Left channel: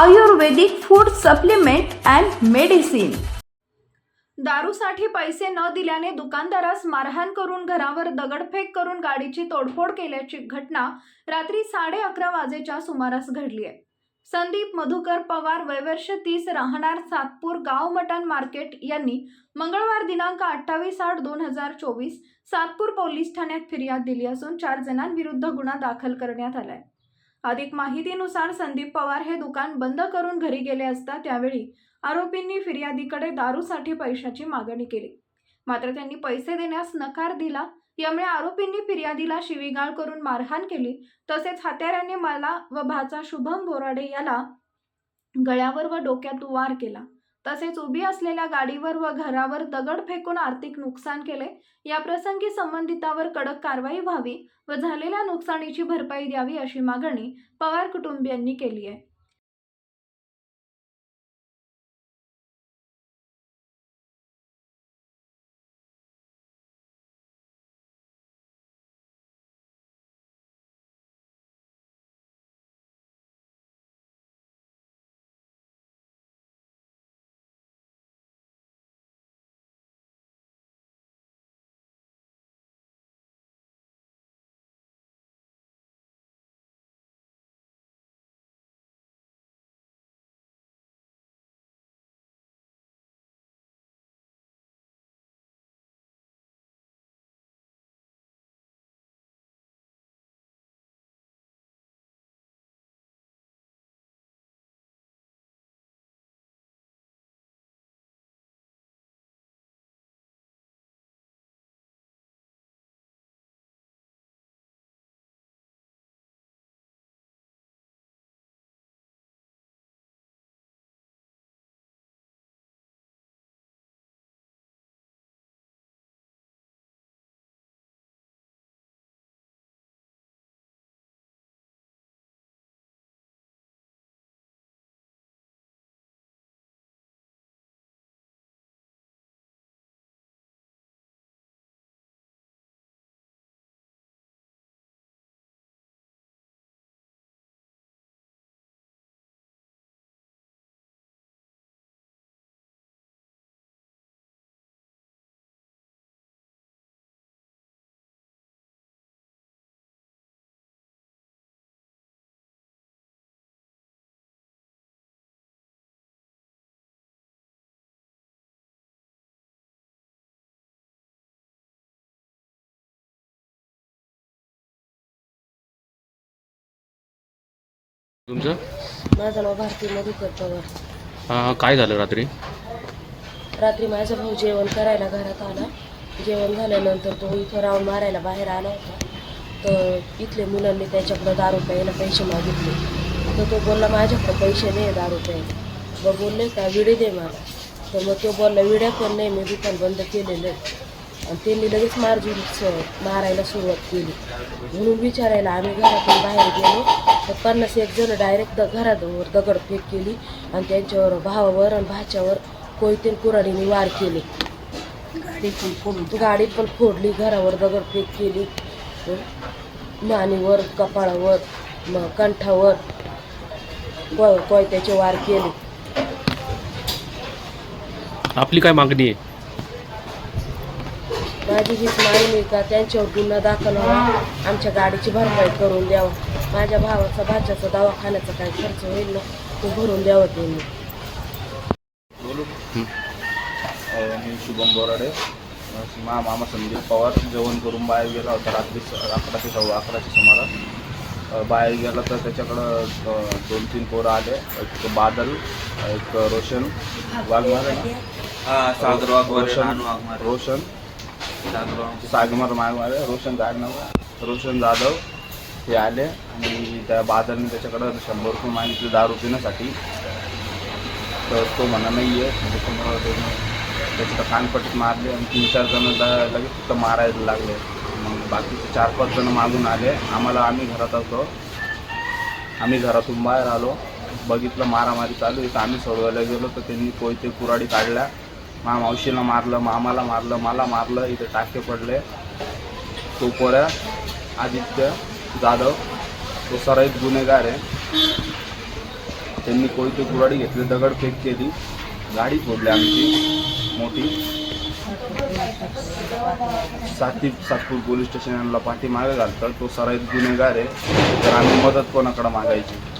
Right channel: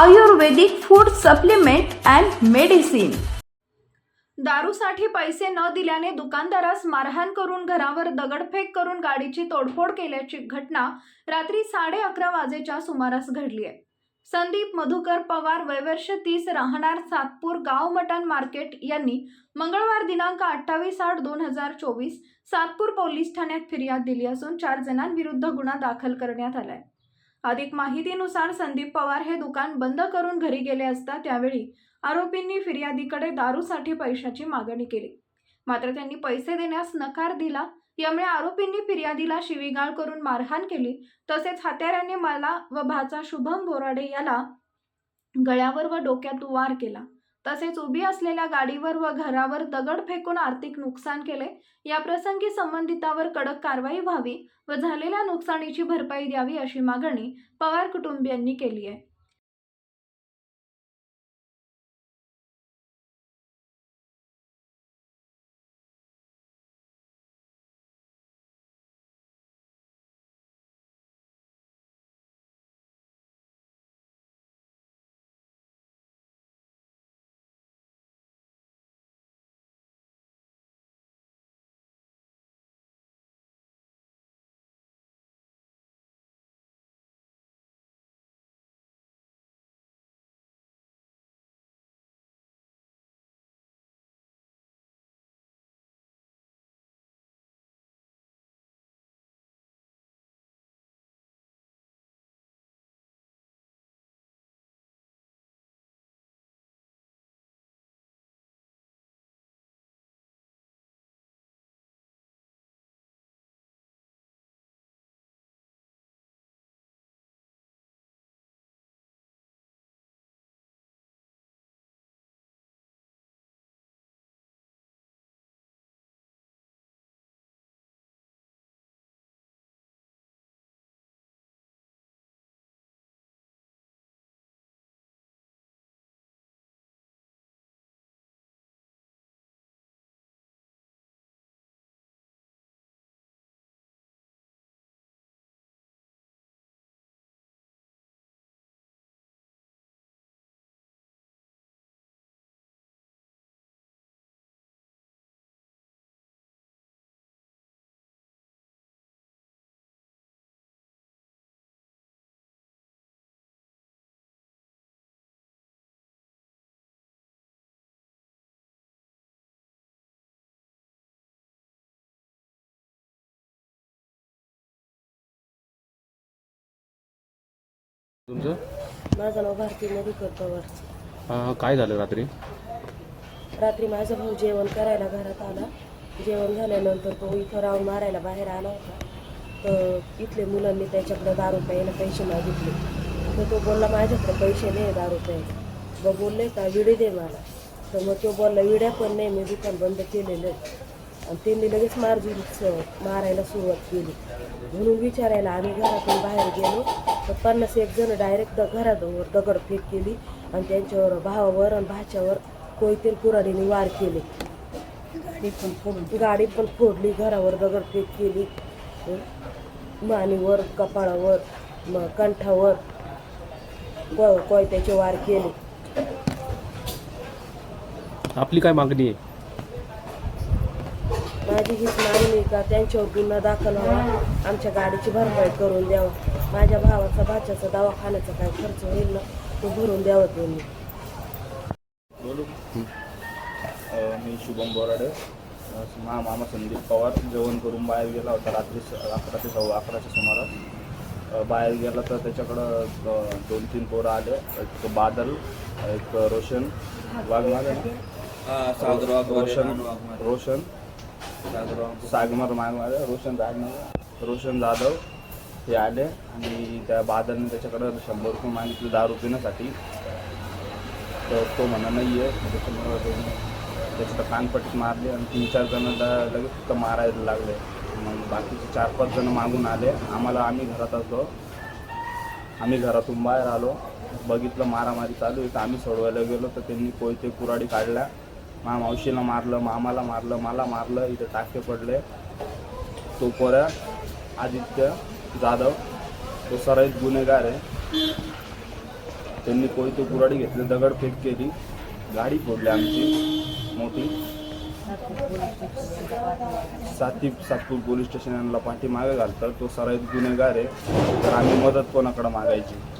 Ayurvedic food supplement and medicine. दारूसाठी पैसे न दिल्याने दुकानदारास मारहाण करून घरावर दगडफेक करून गाडीची तोडफोड केल्याची घटना रात्री साडे अकरा वाजेच्या सुमारास घडली आहे. संदीप मधुकर पवार वयवर्ष तीस राहणार सातपूर गाव मटण मार्केट यांनी मंगळवार दिनांक अठ्ठावीस आठ दोन हजार चोवीस सातपूर पोलीस ठाण्यात फिर्याद दिली असून चार जणांविरुद्ध गुन्हा दाखल करण्यात आलाय. अधिक माहितीनुसार संदीप पवार हे दुकान बंद करून घरी गेले असता त्यावेळी आरोपींनी फिर्यादीकडे दारूसाठी पैशाची मागणी केली. मात्र त्यांनी पैसे देण्यास नकार दिला. यामुळे आरोपींनी फिर्यादीला शिवीगाळ करून मारहाण केली. तसेच हत्याऱ्याने मला व भाचा शुभम बोराडे याला गळ्यावर व डोक्यात वार केला. तसेच उभी असलेल्या गाडीवर व घरावर दगड फेकून आर्थिक नुकसान केले या प्रसंगी संबंधितावर कडक कारवाई व्हावी व झालेल्या नुकसानीची भरपाई द्यावी अशी मागणी पवार कुटुंबियांनी केली आहे. तुमचं? माझं नाव भारती मधुकर पवार. हा, काय झालं रात्री? रात्री माझा भाऊ जेवण करायला घरात आला. जेवण झाल्यानंतर तो इथं राऊंड मारायला बाहेर आला होता. तर इथले मुलांनी त्याच्याकडं दारू प्यायला पैसे मागितले. तर तो बोलला माझ्याकडे पैसे नाही दारू प्यायला मग बोलले का विडे दे मला. तर मग तो बोलला विड्या पण नाही मी दुकान बंद केलेलं आहे. आणि त्यांनी लगेच मारजून मारायला सुरुवात केली. म्हणून विचारायला आम्ही घरातून बाहेर गेलो. तर पन्नास एक जण डायरेक्ट घरावर दगडफेक केली आणि त्यांच्यावर भावावर आणि भाच्यावर कोयते कुराडीने वार केली. गाडी पण फोडून गाडी पण फोडली घरावर दगडफेक केली. मानेवर कपाळावर मग कंठावर को कोयत्याचे वार केले. आपली काय मागणी आहे? माझी हीच मागणी आहे का त्यांच्यावर गुन्हा दाखल व्हावा आमच्या गाडीची भरपाई करून द्यावं. माझ्या भावाचा भाच्याचा दवाखान्याचा काय खर्च होईल ना तो भरून द्यावं अं, मी शुभम बोराडे. मा मामा संदीप पवार. जेवण करून बाहेर गेला होता रात्री अकराशे सव्वा अकराशे सुमारास. बाहेर गेला तर त्याच्याकडं दोन तीन पोरं आले. एक बादल एक रोशन वाघमारे. सागर रोशन रोशन सागमर मागवाले रोशन गाडनाव रोशन जाधव हे आले आणि त्या बाजारने त्याच्याकडं शंभर रुपये मागितले दारू पिण्यासाठी तर तो म्हणा नाही आहे. त्याचं कानपट्ट मारले आणि तीन चार जण लगेच तिथं मारायला लागले. मग बाकीचे चार पाच जण मागून आले. आम्हाला आम्ही घरात असलो आम्ही घरातून बाहेर आलो. बघितलं मारामारी चालू आहे. तर आम्ही सोडवायला गेलो. तर त्यांनी कोयते कुराडी काढल्या. मा मावशीला मारलं मामाला मारलं मला मारलं इथे टाके पडले. तो पोऱ्या आदित्य जाधव तो सराईत गुन्हेगार आहे. त्यांनी कोणती कुराडी घेतली? दगडफेक केली. गाडी फोडली आमची मोठी. साती सातपूर पोलीस स्टेशनला पाठीमागे घालतात. तो सराईत गुन्हेगार आहे. तर आम्ही मदत कोणाकडं मागायची?